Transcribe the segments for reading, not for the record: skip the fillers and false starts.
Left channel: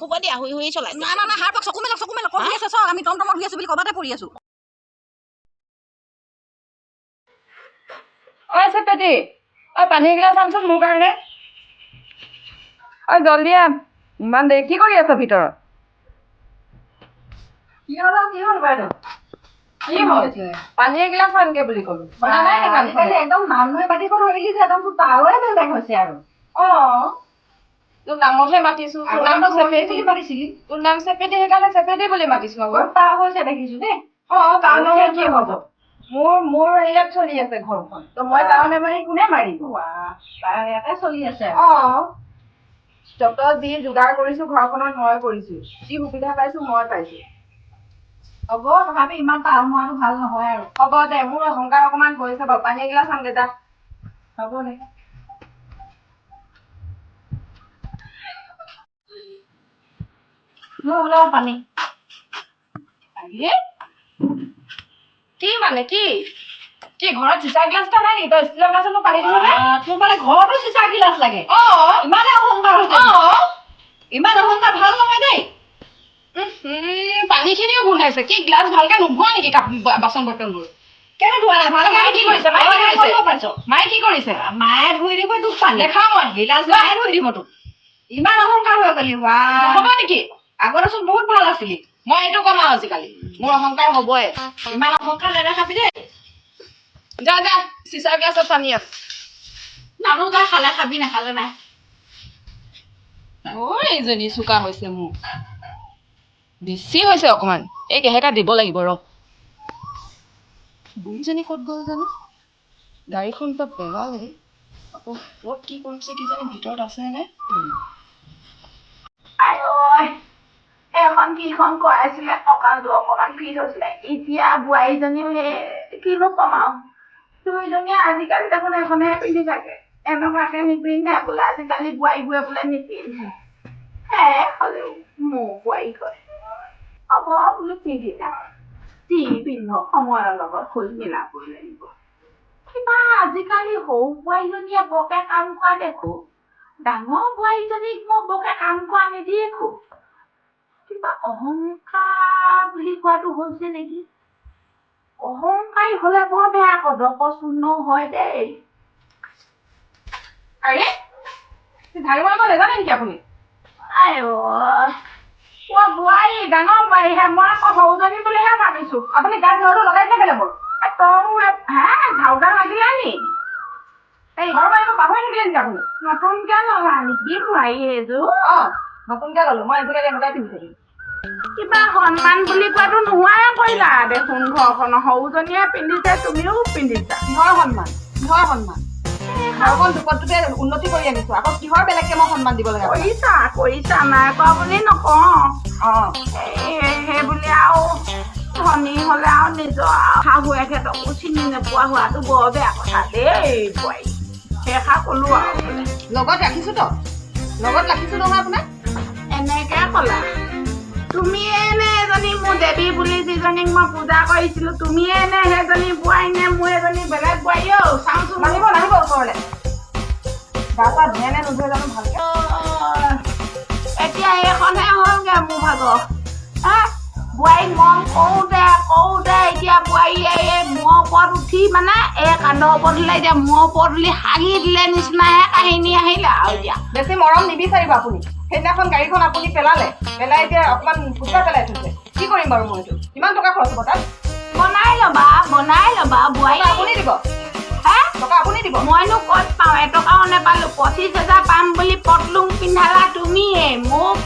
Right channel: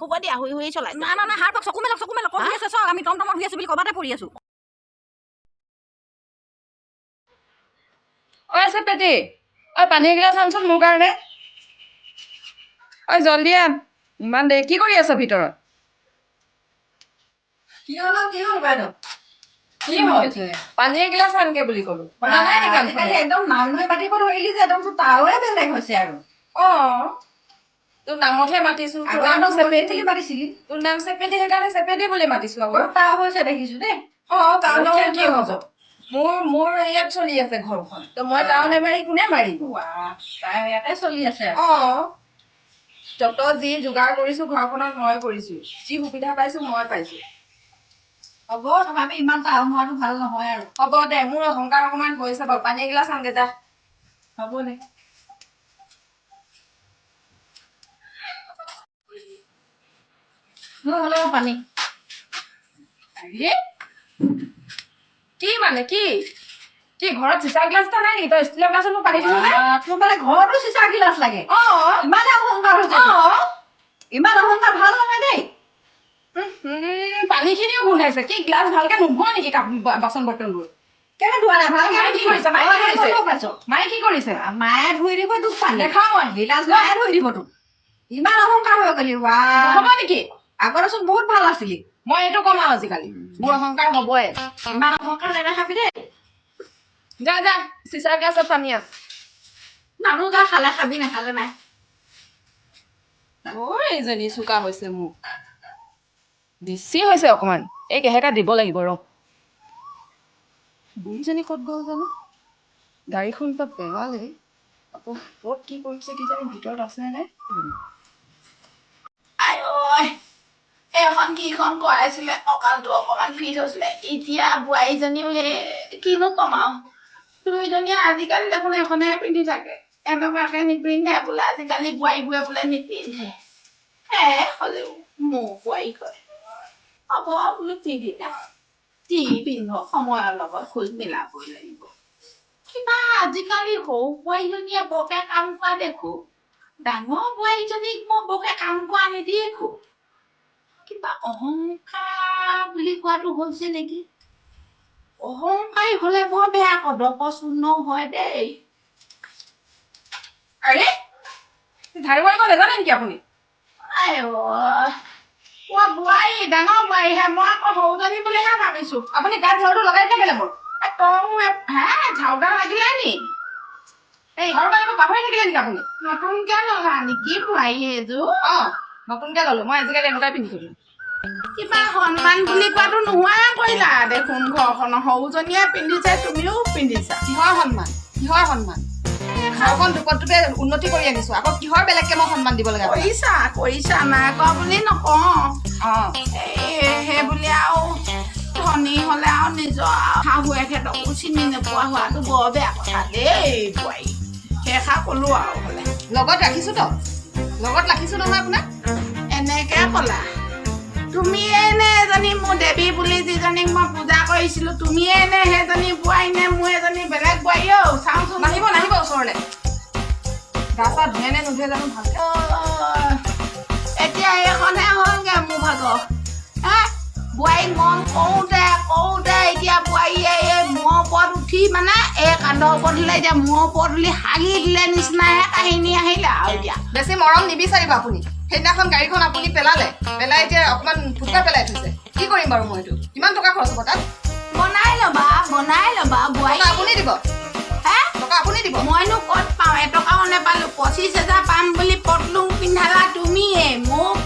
হ'ব দিয়া শুই শুই চলাই নাই নাই নাই হাৰপাক চকু মেলক কৰি আছে চক আমি টমটমত শুই আছো বুলি কবাতে পৰি আছো ঐ চেপেটি ঐ পানী এগিলাচ আনচোন মোৰ কাৰণে ঐ জলদি আন ইমান দেৰি কি কৰি আছ ভিতৰত কি হ'ল বাইদেউ কি হৈছে পানী এগিলাচ আনগে বুলি ক'লো আজিকালি একদম মানুহে পাতিব ধৰিলি যে একদম তাৱে বেলেগ হৈছে আৰু তোৰ নামতহে মাতিছো তোৰ নামটো চেপেটি পাতিছিলি তোৰ নাম চেপেটি সেইকাৰণে চেপেটি বুলি মাতিছো আকৌ তাৰ হৈছে দেখিছো দেই তাৰ নামত কি হ'ব মোৰ ইয়াত চলি আছে ঘৰখন তো মই টাউন এমাৰি কোনে মাৰিব তাৰ ইয়াতে চলি আছে যত যি যোগাৰ কৰিছো ঘৰখনত মই কৰিছো যি সুবিধা পাইছো মই পাইছো হ'ব তথাপি ইমান টাউন হোৱাটো ভাল নহয় আৰু হ'ব দে মোৰ অহংকাৰ অকমান হৈছে বাৰু পানী এগিলাচ আনগে যা হ'ব দে হ'লে পানী কি মানে কি কি ঘৰত চিচা গ্লাছ এটা নাই নেকি তই ষ্টিলৰ গ্লাছত মই পানী দিছো তোৰ মানে ঘৰতো চিচা গিলাচ লাগে ইমানে অহংকাৰ হৈছে ইমান অহংকাৰ ভাল নহয় দেই পানী খিনিও গোন্ধাইছে কি গ্লাছ ভালকে নোধোৱা নেকি বাচন বৰ্তনবোৰ কেনে ধোৱা নাই ভালকে মায়ে কি কৰিছে মায়ে কি কৰিছে মায়ে ধুই দিব তোক পানী দেখাও মই গিলাচ মায়ে ধুই দিব তোক ইমান অহংকাৰ হৈ গলি হ'ব নেকি আগতেচোন বহুত ভাল আছিলি মই এইটো কম আৰু আজিকালি মোৰ অহংকাৰ হ'বই ইমান অহংকাৰ নেদেখাবি দেই যা যা চিচাৰ গ্লাছত পানী আছে নানো যা খালে খাবি নাখালে নাই এইজনী চোকা হৈছে মোক বেছি হৈছে অকমান এই কেহেকা দিব লাগিব ৰ বুঢ়ীজনী ক'ত গ'ল জানো গাড়ীখন তাত পেলালে আকৌ ক'ত কি কৰিছে কি জানি ভিতৰত আছে নে এখন কিখন কৰাইছিলে কঁকালটো অকমান ফিট হৈছিলে এতিয়া বোৱাৰীজনীও সেই কিনো কম আৰু দুইজনীয়ে আজিকালি দেখোন এখনহে পিন্ধি থাকে এনেকুৱাকে নিপিন্ধে বোলে আজিকালি বোৱাৰীবোৰে বোলে নিপিন্ধে হ'লেও মোৰ বোৱাৰী কয় হ'ব বোলো পিন্ধিলে যি পিন্ধ সময়ৰ লগত খোজ মিলাবই লাগিব কিবা আজিকালি সৰু বোৱাৰীজনীয়ে বৰকে কাম কৰা দেখো ডাঙৰ বোৱাৰীজনীক মই বৰকে কাম কৰা নেদেখো কিবা অহংকাৰ বুলি কোৱাটো হৈছে নেকি অহংকাৰী হলে বৰ বেয়া কদপচূৰ্ণ হয় দেই আৰে ঝাৰু মাৰিব নাজানে নেকি আপুনি বোৱাৰী ডাঙৰ বোৱাৰীহে মই আকৌ সৰুজনী বুলিহে ভাবিছো আপুনি গাত ঝাৰুটো লগাই দিলে কেলে মোৰ ঝাৰুডাল লাগিলে নি এই ঘৰ মাৰিব পাহৰি থাকিলে নেকি আপুনি নতুনকে ললা নেকি বোৱাৰী এইযোৰ নতুনকে ললো মই আজিকালি এনেকুৱাই পিন্ধি থাকিম কিবা সন্মান বুলি কোৱাটো নোহোৱাই কৰিলা দেখোন ঘৰখনৰ সৰুজনীয়ে পিন্ধিছে তুমিও পিন্ধিছা কিহৰ সন্মান ঘৰখন দুপত দুপে উন্নতি কৰি আনিছো আকৌ কিহৰ বেলেগকে মই সন্মান দিব লাগে কৰিছা নাই কোৱা বুলি নকওঁ সেই বুলি আৰু ধনী হলে আৰু নিজৰ শাহুৱেকহঁতকো চিনি নোপোৱা হোৱাটো বৰ বেয়া কথা দেই বোৱাৰী সেইষাৰ কলো আৰু লগত ৰাখিছো নহয় আপোনাক এনেকে কলা তুমিয়ে নে এজনী মোৰ দেৱী বুলি যিজনীক মই পূজা কৰিছিলো তুমিয়ে নে সেইজনী বোৱাৰী নে মোৰ এজনী বেলেগ বোৱাৰী চাওঁচোন নাহিব ওচৰলে গা চা ধুৱে নে নুধুৱে জানো ভালকে এতিয়া এইখনে হ'লগে মোৰ ভাগৰ বোৱাৰীক মন কৰোঁতে এতিয়া বোৱাৰীয়ে এই মূৰৰ ওপৰত উঠি মানে এই কান্ধৰ ওপৰত দিলে এতিয়া মূৰৰ ওপৰত তুলি হাগি দিলে নিচিনাহে কাহিনী আহিলে আৰু এতিয়া বেছি মৰম নিবিচাৰিব আপুনি সেইদিনাখন গাড়ীখন আপুনি পেলাই এতিয়া অকমান ফুটুৱাই পেলাই থৈছে কি কৰিম বাৰু মই এইটো কিমান টকা খৰচ হ'ব তাত বনাই ল'বা বোৱাৰী আপুনি দিব টকা আপুনি দিব মইনো ক'ত পাওঁ এটকাও নেপালো 25,000 পাম বুলি পটলুং পিন্ধালা তুমিয়ে মোক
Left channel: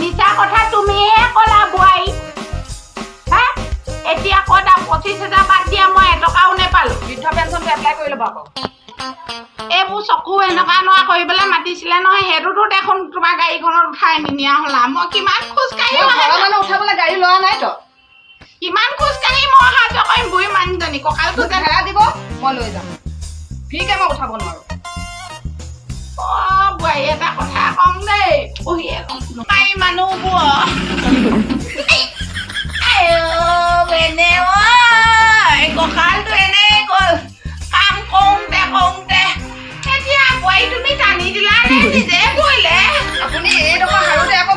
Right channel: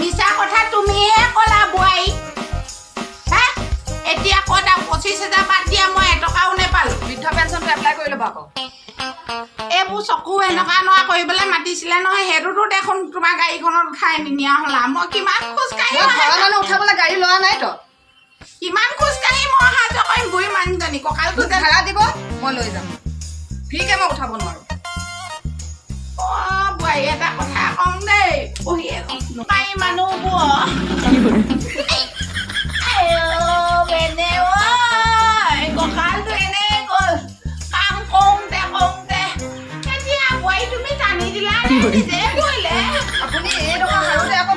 মিছা কথা তুমিহে ক'লা বোৱাৰী এতিয়া ক'ত 25,000 বাদ দিয়া মই এটকাও নেপালো বৃদ্ধ পেঞ্চনটো এপ্লাই কৰি ল'ব আকৌ এইবোৰ চকু এনেকুৱা নোৱা কৰিবলৈ মাতিছিলে নহয় সেইটোতো দেখোন তোমাৰ গাড়ীখনত উঠাই নিনিয়া হ'লা মই কিমান খোজকাঢ়ি ঘৰৰ মানুহ উঠাবলৈ গাড়ী লোৱা নাই তো কিমান খোজকাঢ়ি মই অহা যোৱা কৰিম বুঢ়ী মানুহজনী কঁকালটো ভাড়া দিব মই লৈ যাম ফ্ৰীকে মই উঠাব নোৱাৰো বোৱাৰী এটা কথা কম দেই পঢ়িয়ে মাৰি মানুহবোৰ কঁকালটো এনেই গ'ল কাম কৰোঁতে এতিয়া বোৱাৰী তুমি টানি দিলা নিজে কৰিলে আপুনি এই টকা হাৰোতে আকৌ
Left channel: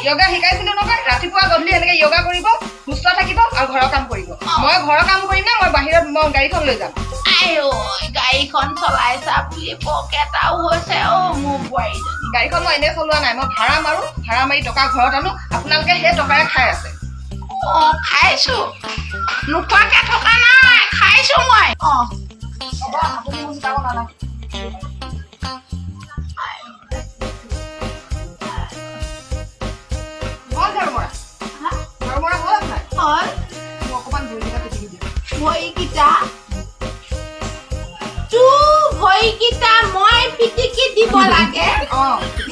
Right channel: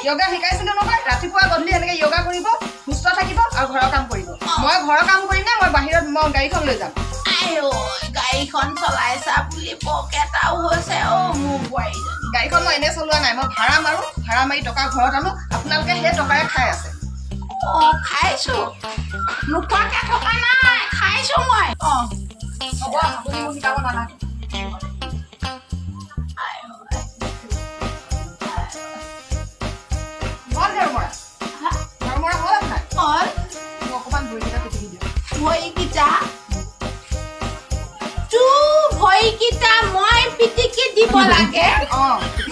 য়োগা শিকাইছিলো নহয় ৰাতিপুৱা গধূলি এনেকে য়োগা কৰিব সুস্থ থাকিব আৰু ঘৰৰ কাম কৰিব মই ঘৰৰ কাম কৰিম না মই বাহিৰত মই গাড়ীখন লৈ যাম আইও গাড়ীখন চলাইছা বুলি পকেটাও হৈছে মোৰ বোৱাৰীজনী গাড়ীখন মই এনেই চলোৱা নাই মই ভাড়া মাৰি টকা ঘৰত আনো আপোনালোকে সেই টকাৰে খাই আছে খাইছো নোখোৱাকে থকা নাই খাইছো মই হ'ব আপুনি মোক শিকাব নালাগে ভৰিকেইটা মই পিটিকি দিব লাগে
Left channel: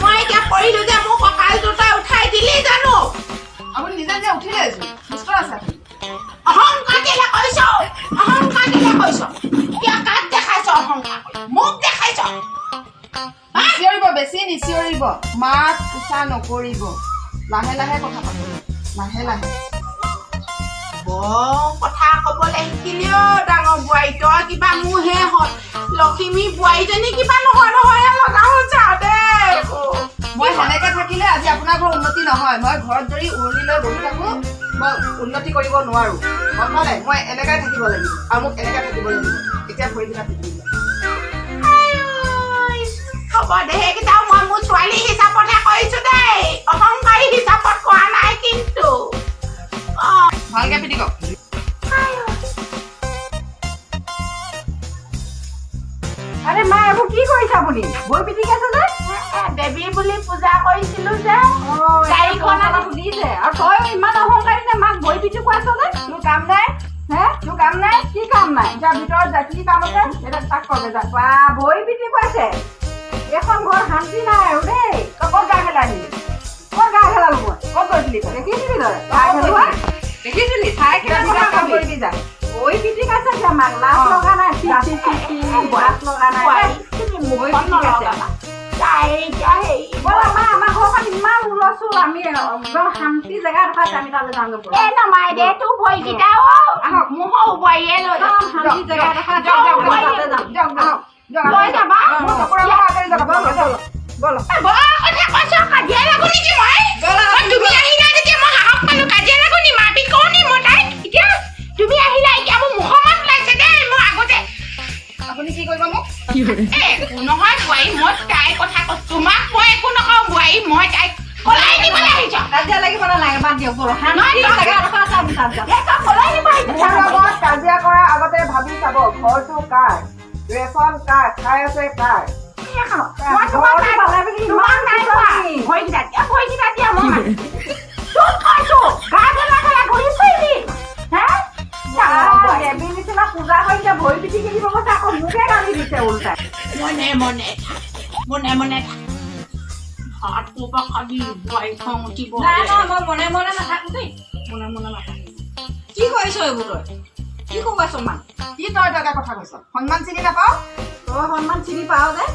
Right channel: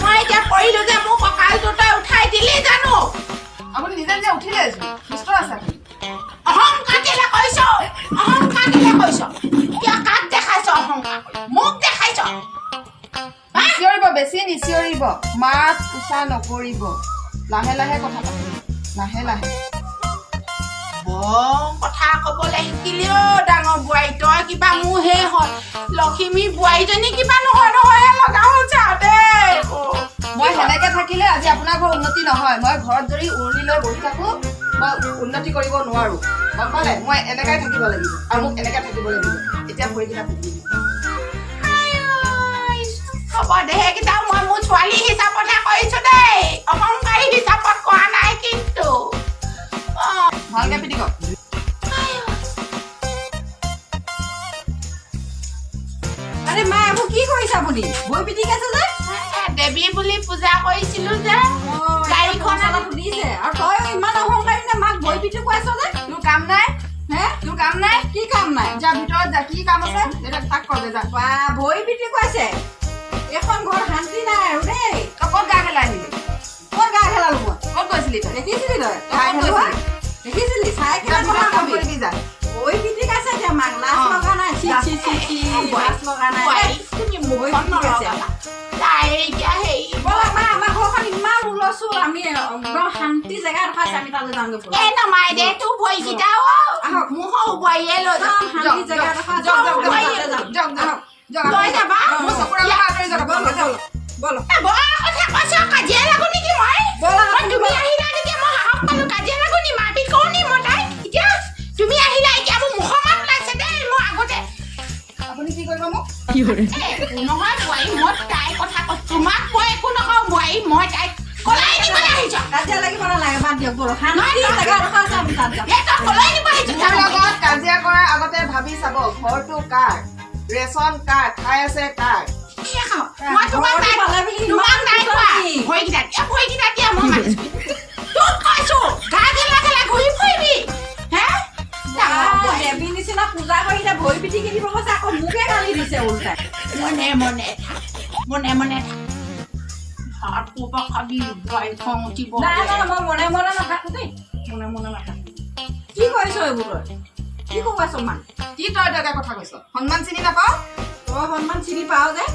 মই এতিয়া কৰিলো যে মোৰ কঁকাল দুটা উঠাই দিলি জানো আপুনি নিজে নিজে উঠিলে সুস্থ আছে অহংকাৰ কেলে কৈছ কিয় কাক দেখাইছ অহংকাৰ মোক দেখাইছ নিচিঞৰিব বেছি নিচিঞৰিব মাত উচা নকৰিব লাহে লাহে কথা পাতিব লাহে লাহে কথা কবলৈ শিকিলেও ডাঙৰ বোৱাৰী তই কিবা মোৰহে হ'ল লখিমী বোৱাৰীজনী কিবা নহয় লগা হৈছে দেই মই সেনেকে থাকিলে আজি আপোনাৰ ঘৰ উন্নতি নহয় মই ঘৰত যদি উৰুলি লৈ বহি থাকো মই উন্নতি কৰিব নোৱাৰো গম পালে মই এনেকাই থাকিব লাগিব আৰু মোক এনেকে থাকিব লাগিব এতিয়া ভৰিকেইটা পিটিব হ'ব দে সেইকেইটাও মই মোৰ ছোৱালী হিচাপতহে কৰিছো দেই অহংকাৰী হিচাপত কৰা নাই কিন্তু ভালকে পিটিক আৰে মা আপু কি কৰিছে আপুনি ভৰি পিটিক আছে যে দেৱী বুলি পূজা কৰিছিলো যে গাড়ীখন দিছে আৰু তই ইমান অহংকাৰী নে মাক ভৰি পিটি কৈছ যে তোৰ কাম নাই তোৰ কাম নাই কি কাম নাই যা ভিতৰত যা কি কাম আছে এটা তাক কবে যা বা ভৰি পিটি কৈছে এখন ঘৰ শান্তি নাই আৰু দেই তই ক'ত গা খেলা আহিলি ক'ত গা খেলালো ক'ত গৈছিলি তই দেখিছিলি তই দেখিছিলি চাই কাম কৰিবি যা ভৰি পিটি আছে যে মাক লাজ লগা নাই লাজ লগা নাই তুমি মুখখন নলগাবা তাই এতিয়া হেৰি আমাৰ ঘৰখন ইমান ওলছো আমি একদম শান্তি জেগা দেখাইছে আমি তালৈ যাওঁগে এ নমাই দে তোৰ ভৰিকেইটা মোৰ সৰু বোৱাৰীয়ে লৈ যাম শান্তি জেগা দেখাইছে লৈ যাবা মোৰ চকুৰ আগৰ পৰা আঁতৰি যাবা বলো কথা কৈছ কাজিয়া লাগো নেকি মই তুমি আহিলা তেতিয়া মই সাহস পালো কাজিয়া লাগো নি মাৰপিট কৰো নি মই তাইক এতিয়া তুমি আহিলা এতিয়া মোৰ মুখমান ওলাইছে দেই মই আগতে আপুনি কি কৰিব মোক নহয় বোৱাৰী মই তাইৰ কথা কৈছো তোমাক মই একো নকওঁ বোৱাৰী মই তাইক কলাই দিবলৈ আহিছ কাজিয়া লাগিব নালাগে বাদ দিয়ক বলো শান্তি জেগা দেখাইছে আমি তাত যাম তই কলাই দিব আহিছ মোৰ লগত কাজিয়া কৰাৰ আগতে ভাবি চাব ঘৰটো কাৰ ৰেচন কাৰ খাই আছে কাৰ মই তোমাক নাই কোৱা ভৰিকেইটা দিয়া মই মাৰিছো তোক কৈছো গা গেলা ঘূৰি ফুৰিবি দেৱী নিচিনা পূজা কৰি এতিয়া ভৰি পিটিকি দিব কৈছে আকৌ মোকে গালি দিছে উল্টাই মনে ভাত কোপা খাবি বোৱাৰী খং উঠিব নাই মই মনে নাথাকো দেই মনে নাথাকো কি কৰিছ এইবোৰ তই কি কব আছ মান কি তই দগা কথা কৈছ সন্মান চিনি নাপাও তই সন্মান চিনি পাৱ যে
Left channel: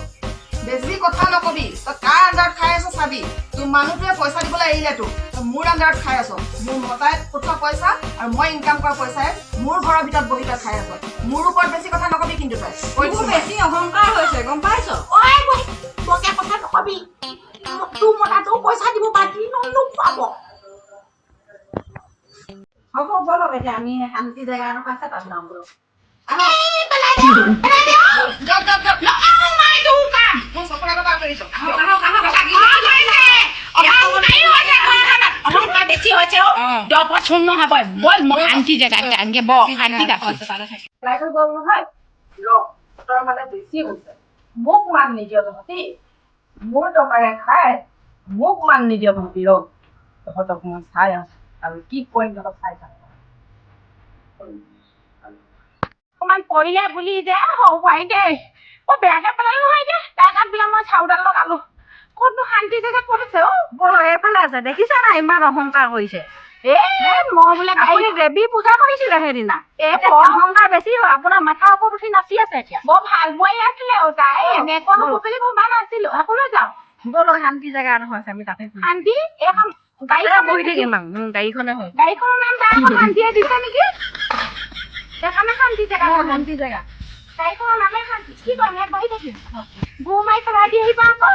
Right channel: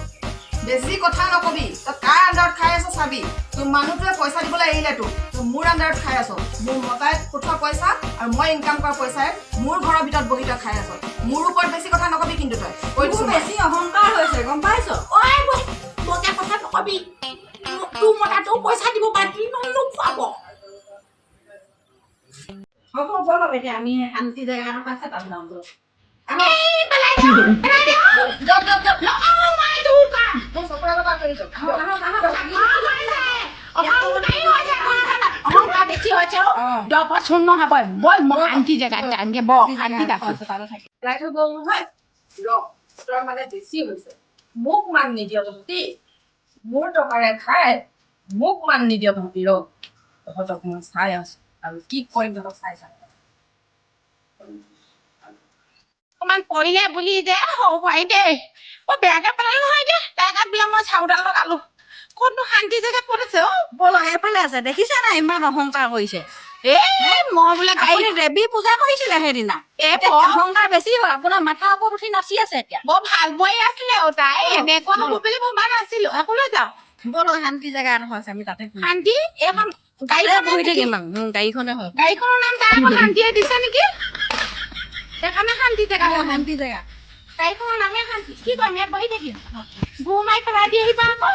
বেছি কথা নকবি তই কাৰ আণ্ডাৰত খাই আছ চাবি তোৰ মানুহটোৱে পইচা দিবলৈ এৰিলে তোক তই মোৰ আণ্ডাৰত খাই আছ মোৰ মতাই পঠোৱা পইচা আৰু মই ইনকাম কৰা পইচাই মোৰ ঘৰৰ ভিতৰত বহি তই খাই আছ মোৰ ওপৰত বেছি কথা নকবি কিন্তু তই তোৰ বেছি অহংকাৰ হৈছে গম পাইছ মকে কথা নকবি তোৰ মতাটো পইচা দিব বাকী নোখোৱাব হ'ব বলক এতিয়া আমি শান্তি জেগা আছে তাত যাওঁ বলক শান্তি জেগা মানে বেছি হৈছে মোক মান নিদিয় তহঁতি মোৰ টকাৰে খাই মোক মান নিদিয় তহঁতি তহঁতক মই চাই আছো আৰু কি কৰিম তহঁতক চাই অকমান পৰিলে বুলি যে সৰু বোৱাৰী দেই মই বেয়াকে পেলালো নহয় দে তাই গাত বোলে মই চাউডাল লগালো ক'তনো শান্তি জেগাত পৰিছে বল এইফালে আছে দেখিছা নাই ইমান অহংকাৰ কৰিছে মই বোলে আপুনি দেৱী পূজা কৰিছিলে সেইদিনা অহংকাৰ বেছি হয় আপোনাৰ মাথাৰ ওপৰত উঠি নাচি আছে এতিয়া বৰ ভাল বোৱাৰী আছিলে তাই এনেকুৱা হ'ব বুলি ভবা নাছিলো সকলো যাওঁ বল শান্তি জেগা আছে আমি তাতে শান্তি এইখন গাড়ীখন বহি থাকিম গাড়ীখনে হয় গাড়ীখনৰ নাম তাই আকৌ শান্তিয়ে দিছে নেকি সেইকাৰণে শান্তি জেগা শান্তি জেগা গাড়ীখনৰ নামে শান্তি কি কৰিম ইয়াত বহি থাকিম গু মাৰি পেলাই দি আহিবা আকৌ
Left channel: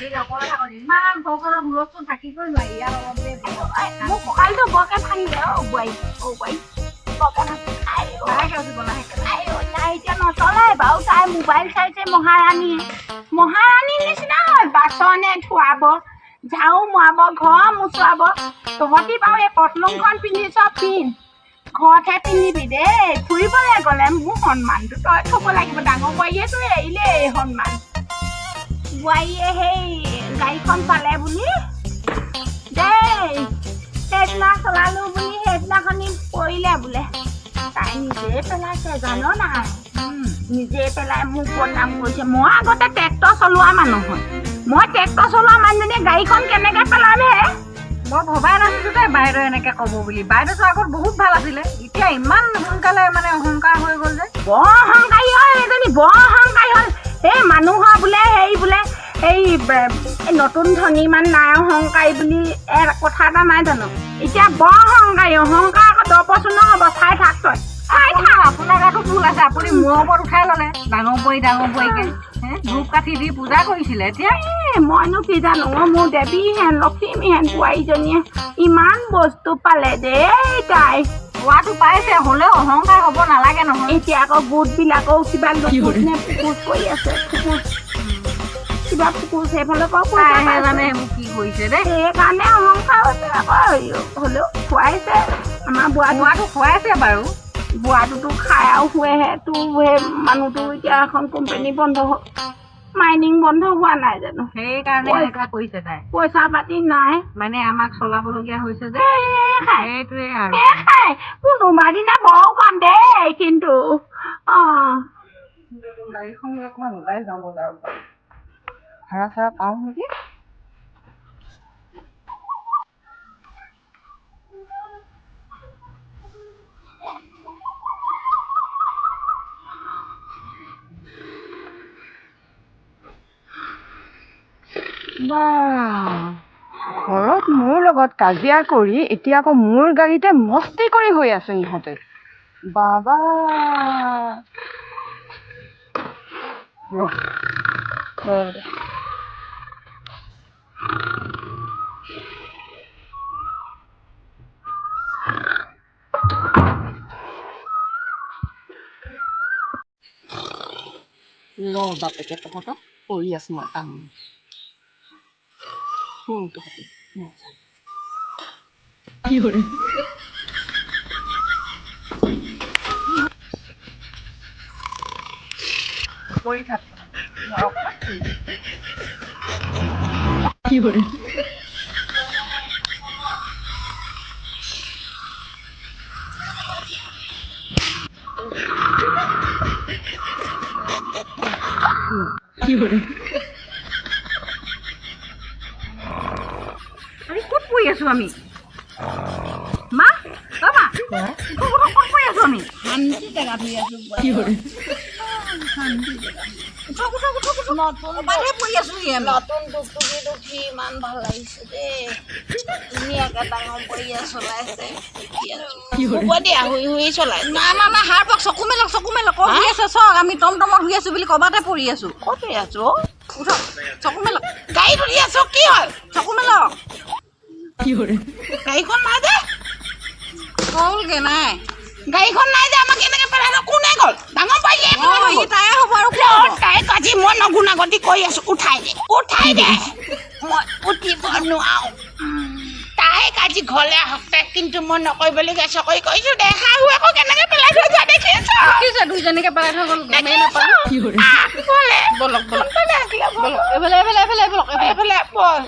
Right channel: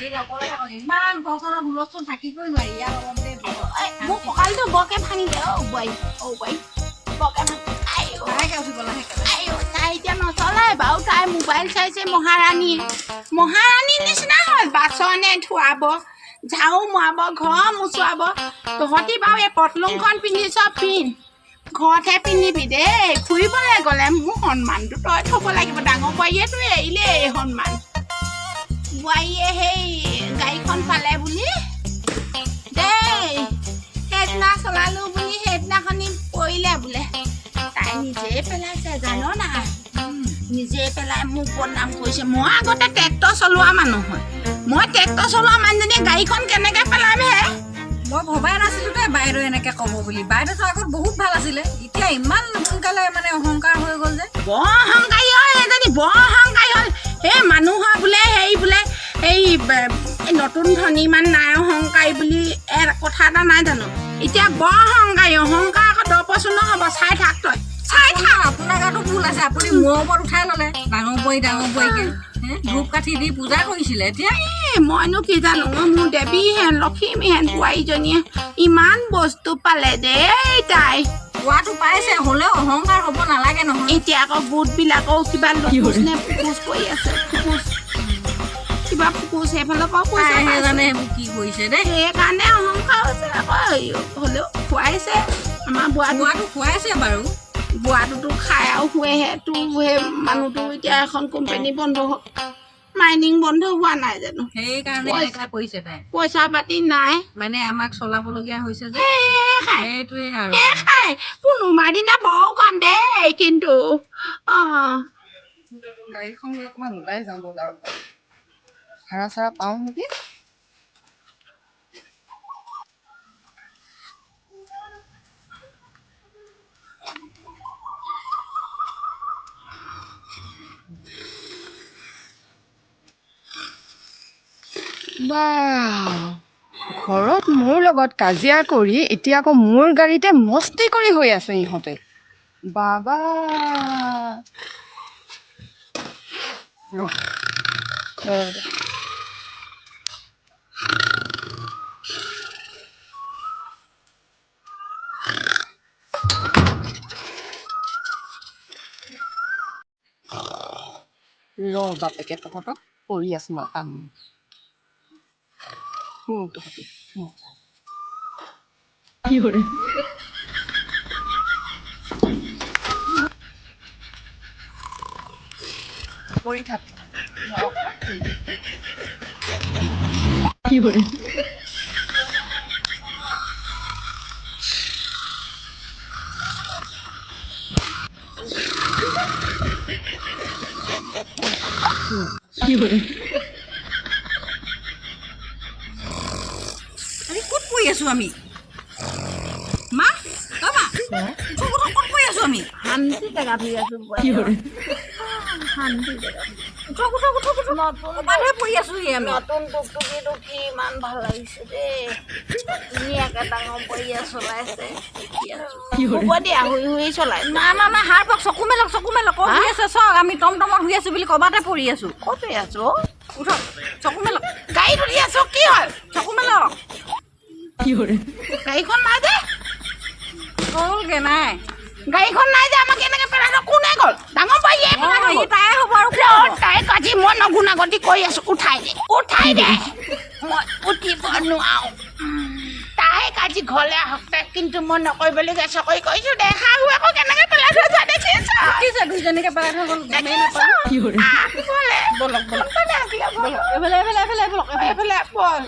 বেছি নকৰে আকৌ ইমান ঘৰখনৰ হুলস্থুল থাকিবই নোৱাৰি ইয়াৰ অলপতে মোৰ কঁকালটো বৰকে ভাঙি যায় বোৱাৰী বৰকে তাই এতিয়া নচলাই বাৰু তাই মোবাইল চাইছে মহাৰাণীৰ নিচিনা হ'ল বাচনে ধুৱাব ঝাৰু মৰাব ঘৰ মোচুৱাব তহঁতি বাৰু এই পটলুংখন পিন্ধিছ পিন্ধ ঘৰতহে পিন্ধিবি দেই ফুৰিবলৈ গ'লে মোৰ সন্মানটো তই থ'ব লাগিব ডাঙৰ বোৱাৰীয়েতো এৰিলে এই সন্মান বোৱাৰীয়ে সেই গাড়ীখন পালে বুলি দেই সেইদিনা চলালো বুলি সেইদিনাখনি পৰিলে বোলে তাই নিজে পেলাইছে জান নাই নিজে পেলাই মোক বদনাম কৰিছে মই আগতে ট্ৰেক্টৰ চলোৱা মানুহ হয় মই ট্ৰেক্টৰ চলোৱা মানুহজনীয়ে গাড়ীখন কেনেকৈ পেলাম হে মই ভবাই নাছিলোঁ তাই বাইদেউ এনেকৈ ক'ব বুলি বাইদেউতো আগত বহুত ভাল আছিলে এতিয়া ইমান সোনকালে মানে অহংকাৰ হৈ গ'ল যে বৰ অহংকাৰী হয় এজনী বৰ অহংকাৰী হয় সেই মানুহৰ বোলে হেৰি বোলে এই নতুন ধনী ইমান নাই অহংকাৰী বুলি কথা এটা নাই জানো এতিয়া বৰ অহংকাৰী অহংকাৰ আকৌ 10% নহ'ব চাই থাক তই চাই থাক আপোনাৰ গাতো ভুল আছে আপুনি মূৰৰ ওপৰত উঠাই ল'লে ডাঙৰ বোৱাৰীকে ধূপ কাঠি দি পূজা কৰিছিলে এতিয়া মইনো কি জানো মোৰ দেৱীহেন লক্ষ্মীহেন বোৱাৰীজনীয়ে ইমান বস্তু পালে দেই তাই পোৱাটো পাইছে হ'লেও অহংকাৰ হ'ব নালাগে নহয় এতিয়া আকৌ গোটবিলাকো কিবা ফুকুচ কৰি আছে কিবা ফুকুচ সেইফালৰ পৰা পইচা জানে সেইবোৰ কি কৰিছে দেই সেইকাৰণে অহংকাৰ হৈছে আকৌ হ'লেও খুৱাইছে আমাৰ বোৱাটো খুৱাইছে বাৰু বোৱাটোতো খাই আৰু শুৱেহে তোৰ সেই মানুহটো এতিয়া এখন কোম্পানী বন্ধ হ'ল মাইনিং বন্ধ হোৱা নাই জানো সেইকাৰণে এনেকুৱা কৰিছে তাই পইচা পাতি নাই মানে আমাক চলাবলগীয়া হৈছে যে সেইটোৱে আৰু কোনোবা দিনা বৰ কাম দেই কিন্তু গাড়ীখন অকণমান ওলাই যাওঁ বজাৰৰ পৰা ভাড়া চাৰা পাওঁ নেকি ঘৰত মোৰ লগত কাজিয়া কৰি এতিয়া আকৌ মোৰ গাড়ীতে মস্তি কৰি হৈ আছে ইহঁতে বাবা বাপেকে তহঁতক কৰি আছো মই কাম কৰি থাক ক'ত পৰি আছো আমি মা ক'ত পৰি আছো আমি শান্তি জেগা ধৰি আছো শান্তি জেগা নতুন টুকটুকি টুকি ইমান ভাল লাগিছে দেই ধুনীয়াকে ডাঙৰ বৰীয়া চলাইছে হ'ব দিয়া শুই শুই চলাই নাই হাৰ পক চকু মেলক শুই আছে চক আমি টমটমত শুই আছো বুলি ক'বাতে পৰি আছো ক'ত আছো উঠক চকু মেলক গাড়ী ধৰি আছো কি হ'ল চকু মেলক গাড়ীখন নাই যে গ'লগে নাই গাড়ীখন নাই যে আমাক এনেকে পেলাই কোনে গ'ল ডাঙৰ বৰীয়ে তাই হ'ব আৰু তাই কাজি মই নগুণাগতি কৰি আছো উঠাই দে মই উঠিব নোৱাৰো তাই কাজি ঘৰলৈ আহক তাই কিন্তু মই নকৰিবলগীয়া চকৰি কৰিছো দেখা হৈ আকৌ কেনেকে পেলাই থৈ যোৱা দেখিছ দুইজনীকে পেলাই থৈ গ'ল বলক এইফালে বল